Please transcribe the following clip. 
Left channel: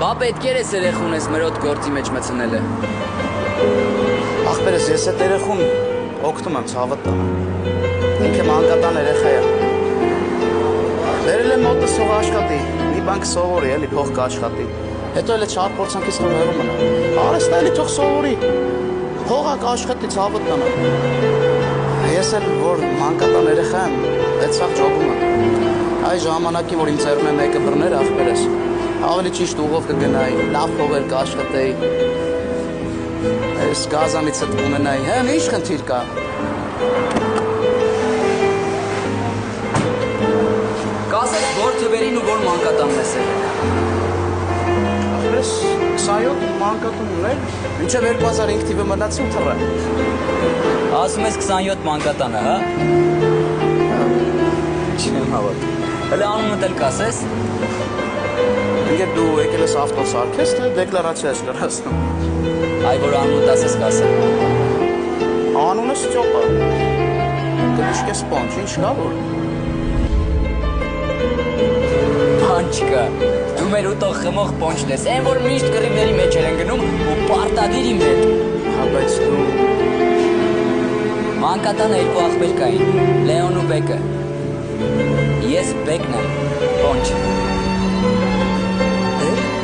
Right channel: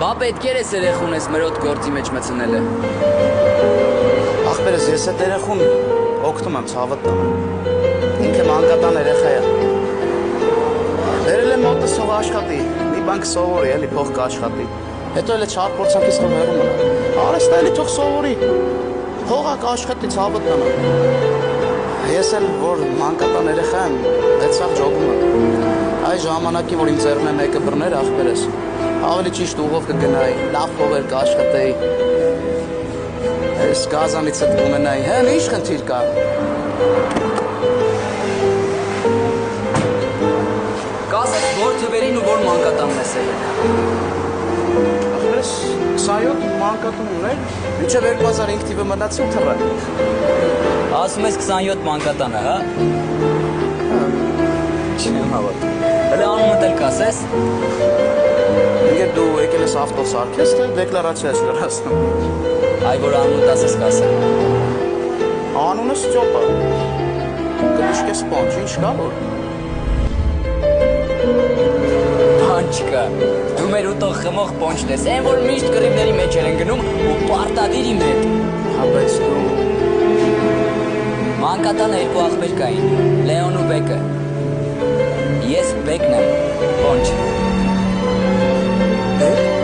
Բա պետք էր ես երեխուն ես մեր ոտ գործի մեջ մցնել է։ Ախպերս ես այդ երեխուն օգնում եմ ցավը տանը։ Ինքը մանկատան երեխա է։ Դերել եմ մոտս թող աշխատի, մի բան կսովորի, էլի փող կաշխատի։ Հետո էլ չար փորձանքից թող հեռու մնա։ Արեստա էլի թող սովորի։ Փողը կաշխատի ցավը տանը։ Ես էլ որ մանկատան երեխա եմ, այդ սաղ ջոգում եմ։ Այ ժամանակին որ իմ ծերունը մեկը բռներ ախպերս, ավելի ճիշտ ուղով կգնայի, լավ փողեր կաշխատեի։ Այս գազանից հետ կունենայի, հեն ինչ խնդիր կա։ Կասեց որ թվերին ու որ մանկատանն ես եղել։ Ախպերս 27 մանկատուն ուներ, մինչև 2005 թիվը մնացի ու թռա։ Ասում ես 27 մանկատանը, հա։ Չեմ հավատում։ Հələ անունդ էլ կասես։ Ինգեր դու եկել ես ավտո սարքես, թե դեկլարացիա ես լրացնում։ Այ որ անունդ ասես կասեմ։ Անունս Ճոպա։ Կդիշկես պոնչ, ինչ կա որ։ Բան չկա։ Դու մեր ուտող խմող պոնչն ես, այն որ միշտ կռիվների մեջ են գնում ու պարտադիր իմ հետ։ Հա բայց դու Մանկատանը երկու ախպեր կային, Լեոն ու Բեկը։ Ես Բեկն եմ, պոնչ։ Բեք։